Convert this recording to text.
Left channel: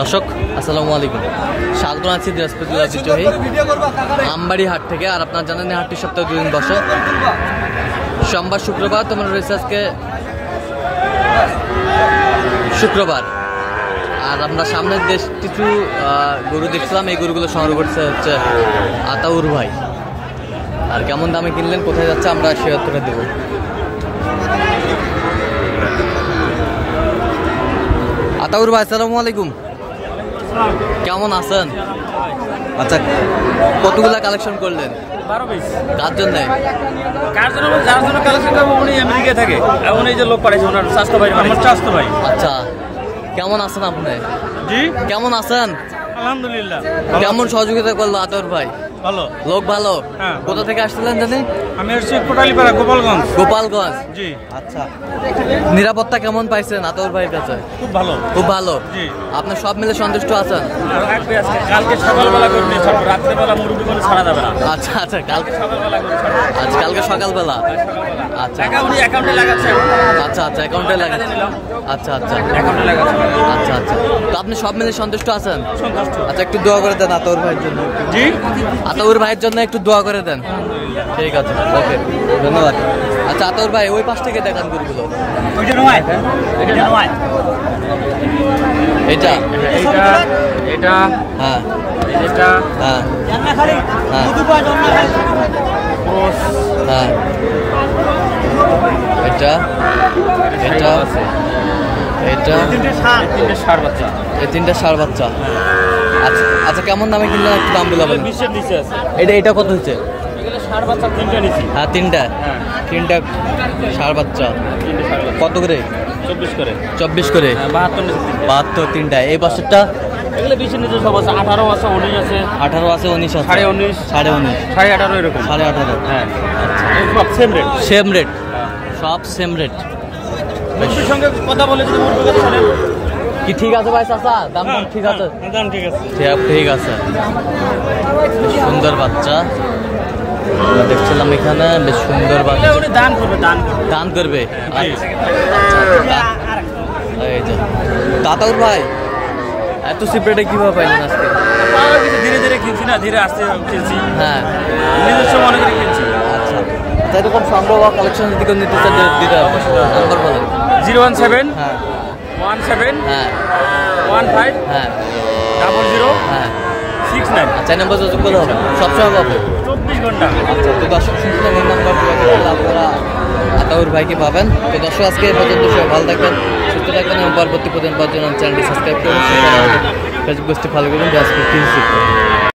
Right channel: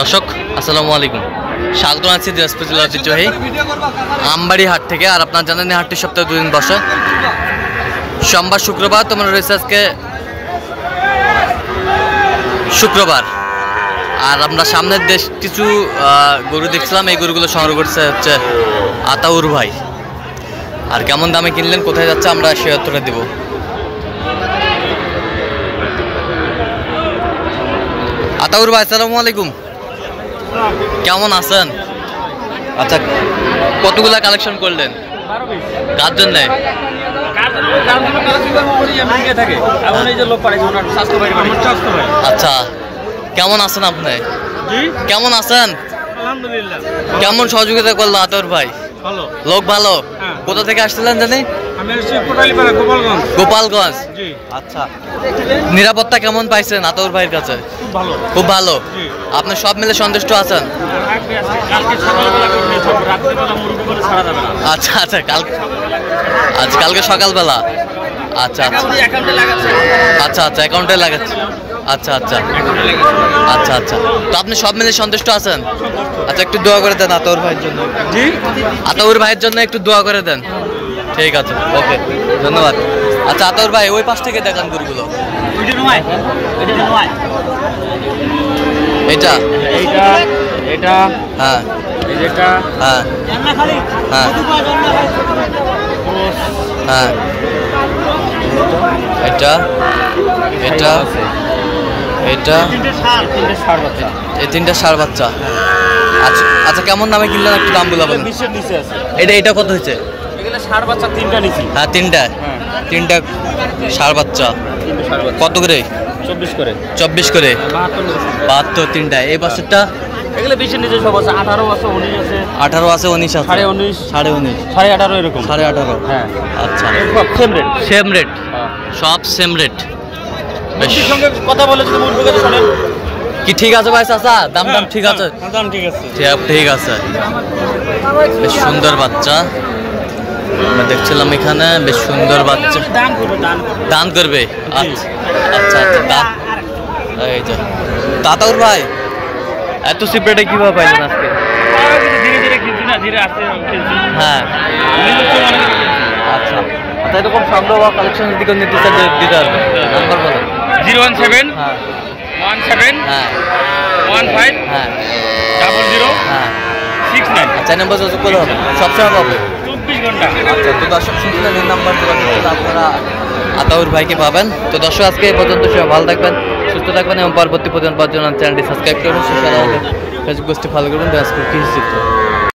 দর্শক আসসালামু আলাইকুম, স্বাগত আছি দিনাজপুর জেলার ঐতিহ্যবাহী আমবাড়ি হাট থেকে। আর আপনার জানেন হাটটি সপ্তাহে 2 দিন বসে, সোমবার শুক্রবার। তোমরা রয়েছে আজকে শুক্রবার। আর আমরা সামনের দেশ কিছু গরু দেখছিলাম, এই গরুগুলো সংগ্রহ করছে হচ্ছে আতাউর ভাই। আর কেমন দামে কিনলেন, কোথায় যাচ্ছে, আমরা সে উত্তরে দেব। আতাউর ভাই আসসালামু আলাইকুম, কেমন আছেন? আচ্ছা, কতগুলা কালেকশন করলেন? কার জন্য? আচ্ছা, কেমন আছেন আপনি? কেমন আছেন? আলহামদুলিল্লাহ। কেমন সহযোগিতা করলো আতাউর ভাই? ভালো। লোক ভালো। কোথা থেকে আসছিলেন জানি? আমি হচ্ছে কোটালীপাড়া, গোপালগঞ্জ। গোপালগঞ্জ। জি। আচ্ছা, নিরাপত্তা কেমন পাইছেন আতাউর ভাইয়ের কাছে? খুব ভালো। খুব ভালো। জি। আপনি সব মিলে সন্তুষ্ট আছেন? কালকে সকালবেলা করবি, রাত্রেবেলা মুরগি করে ছাড়া যাবে না। আচ্ছা আচ্ছা, কালকে সকালবেলা। আচ্ছা আচ্ছা আচ্ছা আচ্ছা, অ্যাকাউন্টে লাগাচ্ছি। আচ্ছা আচ্ছা আচ্ছা আচ্ছা, তো আপনি সব মিলে সন্তুষ্ট আছেন? আচ্ছা, একটু দোয়া করে দেন আতাউর ভাইয়ের জন্য। জি। আতাউর ভাইয়ের জন্য একটু দোয়া করে দেন। ঠিক আছে, ওকে, ধন্যবাদ। আচ্ছা আতাউর ভাই, ওই পাশ থেকে দেখান গরুগুলো। এটা এটা এটা হ্যাঁ এটা হ্যাঁ হ্যাঁ হ্যাঁ, এটা এটা এটা এই তিনটা ষাঁড় বাচ্চা। আচ্ছা আচ্ছা, কেমন দামে কিনলেন একটু দাম বলে বলেন। এটা কত হয়েছে? হ্যাঁ, তিনটা ষাঁড় বাচ্চা। কত করে? 24 করে। 72 তিনটা। এই পাশেরটা? এগুলো বেশি নিচে সব আছে, 18 আছে, 19 আছে, 18 আছে, 19 আছে, 19.5, 19.5, 18.5 এরকম। 18.5। হ্যাঁ। আচ্ছা, সব সেম রেট। সেম রেট, সব সেম রেট। বেশ, সঙ্গে কথা বলে যদি মুরগি কথা শুনেন কি ঠিক আছে ভাই? চাচা দাম ঠিক আছে? দাম ঠিক আছে। ঠিক আছে। বেশ সুন্দর বাচ্চা আমরা দেখছিলাম এখানে, বেশ সুন্দর বাচ্চা। দান করবে। আচ্ছা আচ্ছা আচ্ছা, এই যে আতাউর ভাই, এত সিপ্রেটে কিভাবে পাইলেন আজকে? ধীরে ধীরে কিনছি না, ধীরে আস্তে কিনছি। হ্যাঁ, নিজস্ব মনে করে কিনছি। আচ্ছা আচ্ছা, এরকম সংগ্রহ বা কালেকশন যদি কেউ নিতে চান দিতে পারবে, নাম্বার বলেন। 017 হ্যাঁ 17 হ্যাঁ 15 হ্যাঁ 00 হ্যাঁ 69। আচ্ছা, এই নাম্বার যোগাযোগ করলে হবে, সবসময় পাবে। 24 ঘন্টা। আচ্ছা, তো দর্শক শুনছিলেন, এই নাম্বার যোগাযোগ করলে আপনারা আতাউর ভাইকে পাবেন। তো দর্শক আজকে এই পর্যন্ত, সবাই ভালো থাকবেন, সুস্থ থাকবেন এবং পরবর্তী পর্যন্ত পাওয়ার জন্য চ্যানেলটি সাবস্ক্রাইব করবেন। ফেসবুক পেজটি ফলো করবেন। আজকে কি